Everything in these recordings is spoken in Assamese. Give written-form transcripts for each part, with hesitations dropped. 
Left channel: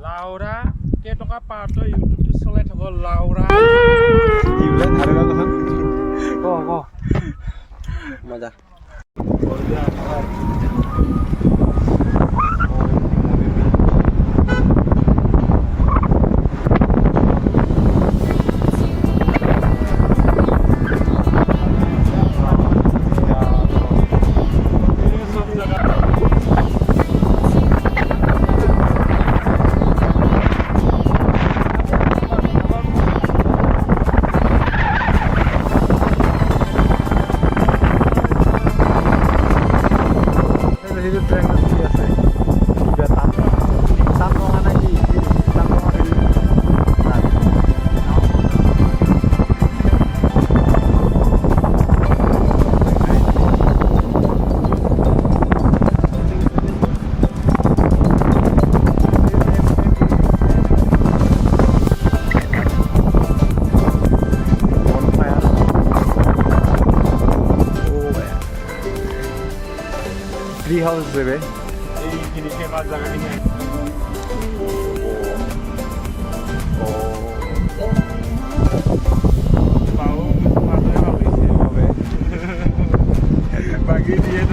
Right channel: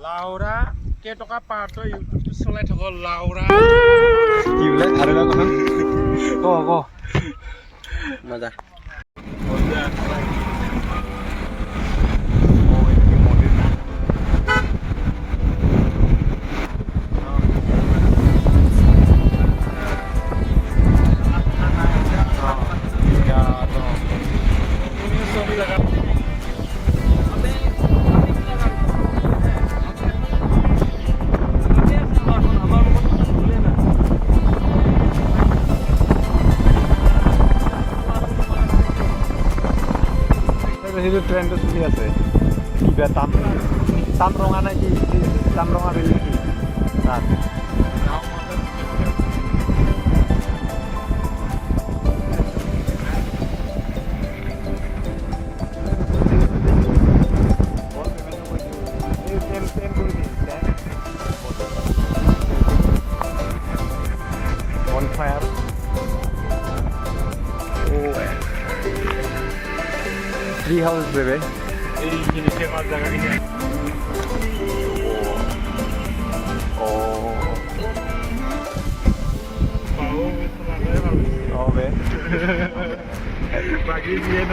লাউৰা কেইটকা পাৰ তই ইউটিউবটো চলাই থাক লাউৰা কি বোলে আৰু এটা কথা ক মজা সেইটো ট্ৰেণ্ডত চলি আছে কিবা তাম ৰঙা নে কি তাম ৰঙা বিল তাত ট্রি হাউস দেবে এইখিনি ফেমাস জায়গাখিনি পাও মানে হবে বাকি দিয়ে ন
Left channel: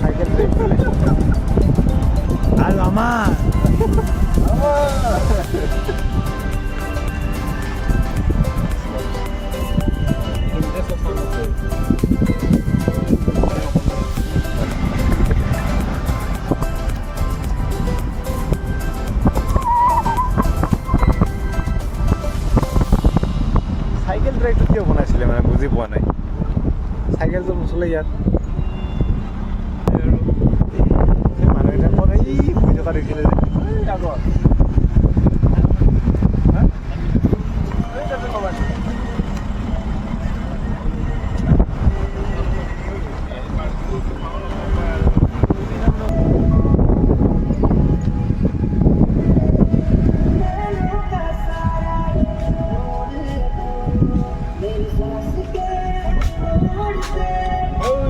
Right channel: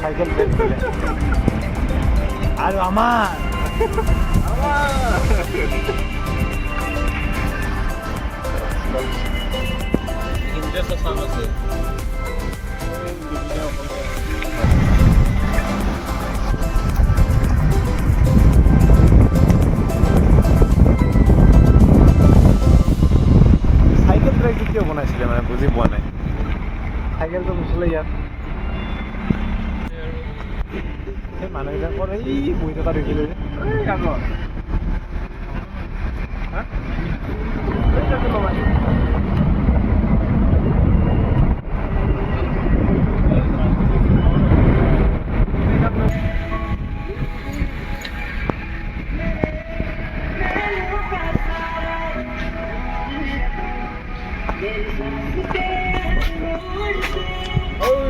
সাইকেল আর আমার সাইকেল ট্ৰেকটো কিয় বনাইছিলে মানে বুজি পোৱা নাই চাইকেলটো নচলে ইয়াত মানুহবিলাকৰ এই শুই থকা দেখিলে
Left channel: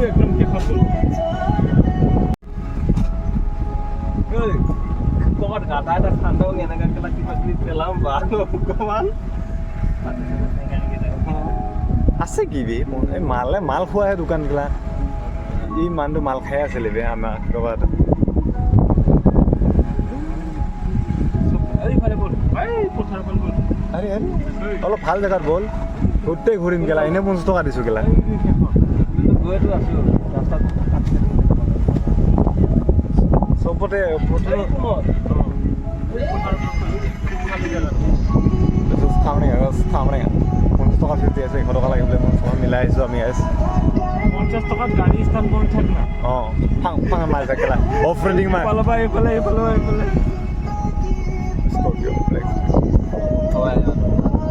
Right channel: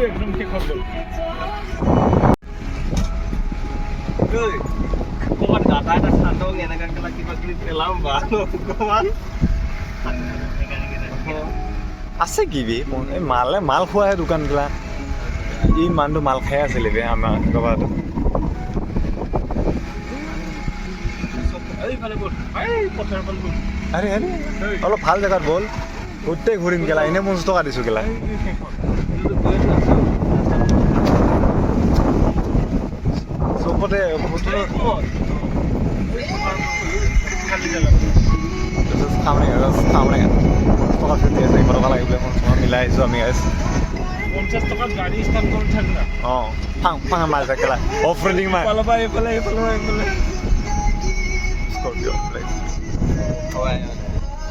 একদম ঠিক হবে Kok data ada sandong ya dengan kita film baru kemana? আছে কি বে এই মাল খোৱাহে দোকানগিলা ই মানুহটো মাল খাই আছিলে বে আমাৰ ক'ৰবাত আৰে আৰে অলপ ভাল জেগাত বল গোটেই ঘূৰিম গেলা এনেই 50 টকা দিছোঁ গেলা চবতে খামৰেঙা 50 টকা ফিফটি আছে 100 টকা লাগে বোলে 50 টকা মিলাই আহিছোঁ আমি 50 টাকাত গাড়ী ষ্টাৰ্ট কৰি থাক না অঁ ফাং মাল থাকেলা অফ ৰোডিং মাল এইফালে স্কৰপিঅ ব্লেক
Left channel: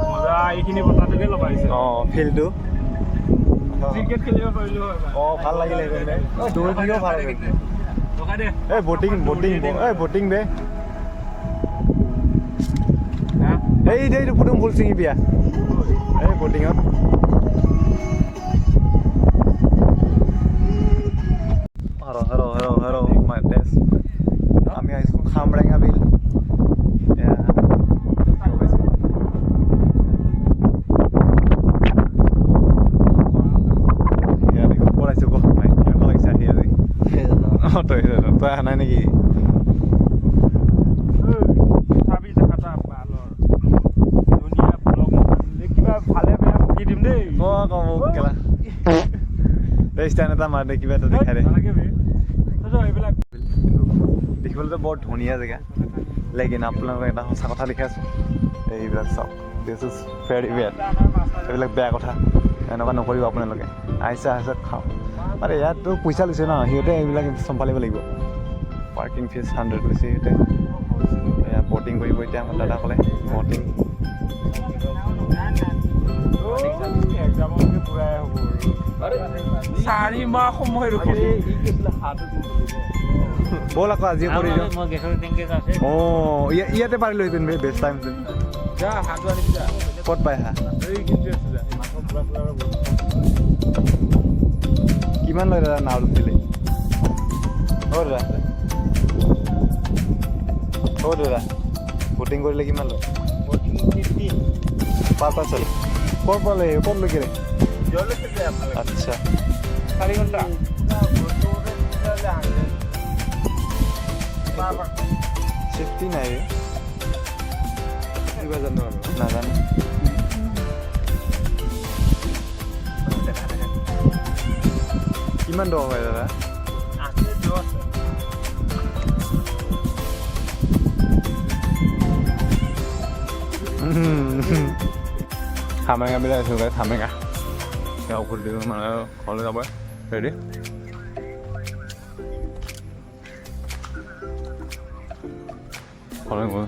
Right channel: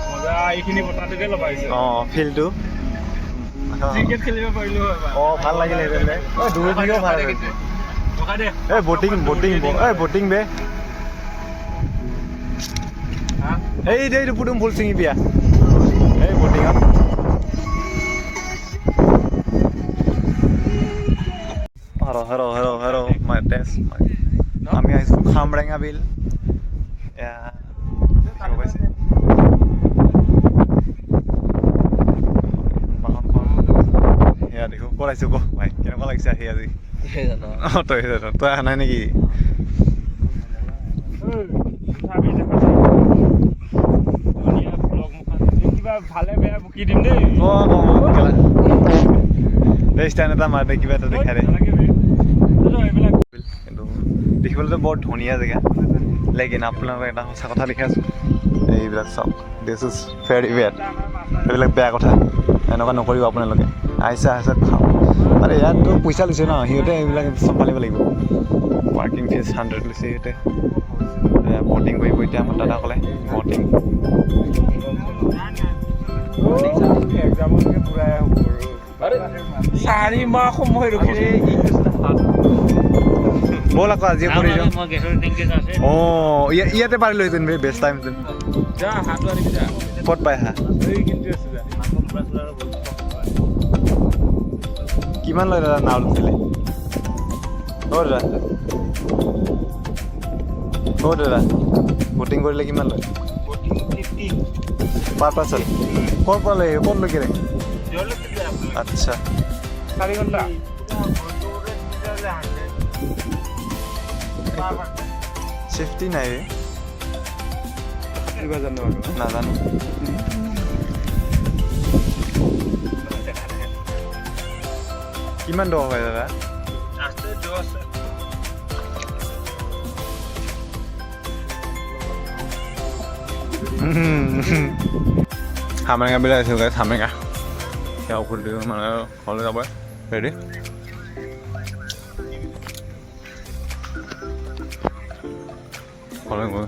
মজা এইখিনি বটাটোকে লগাইছে অঁ ফিল্ডটো ক্ৰিকেট খেলিব পাৰিলো হয় অঁ ভাল লাগিলে সেইফালে দৌৰি থাকিও ভাল লাগিছে এই বটিং বে এইটো পুতুম ফুল ছিঙি বিয়া এই বটিঙত হেৰ মাই টেষ্ট আমি আহিছোঁ খামৰেঙা বিল দেখিব পাইছে ইয়াত দেখো ক'ত আহিছোঁ ক ভাই কেনেকুৱা লাগিছে আহি আজি অঁ তই অহা নাই নেকি ভালে বেয়া বকি দিম দেই ষ্টেণ্ড এটা মাৰ দে কিবা এটা দেখাই দে কিন্তু দেখিবলৈতো বৰ ধুনীয়া জেগা লেকিন আপোনালোকক এটা সঁচা কথা দেখাইছোঁ এইবিলাক চাওক দিছ ইজ ভেৰি বেড এইবিলাক বেয়া কথা এনেকুৱা নকৰিব আপোনালোকে আহিছে খাওক আৰে ইয়াততো পইচা লৈছে ন সিহঁতে এইবিলাক চম্ভালিব লাগিব পাৰ্কিং ফিজ 100 লৈছে সিহঁতে এয়া বটিং কৰিব এতিয়া আমাৰ দাদাসকলে বটিং চাৰি মাহ সময় ৰখি ব'ল আকৌ আজি কৰি দিওঁ অঁ ইয়াতে পাৰিলোহেঁতেন বে বেষ্ট টাইম যা হাত আনি যা ক'ত পাই হা এই কিন্তু আছিলে কিমান লয় দাদা নাও উঠিলে দাদা বটিং কৰিলে কিমান লয় পাৰ পাৰ্চন ক'ৰ পৰা লয় ক'ত লৈকে আচ্ছা 4 ঘণ্টা চেফটি নাই ৰে নাজানো কিমান টকা হয় দাদা খামৰেঙা বিল আহিছোঁ গাইছ খামৰেঙা সেয়া ঔষধ দিওঁ মানে ঘৰলৈ যাব ৰেডি ঘৰলৈ গৈ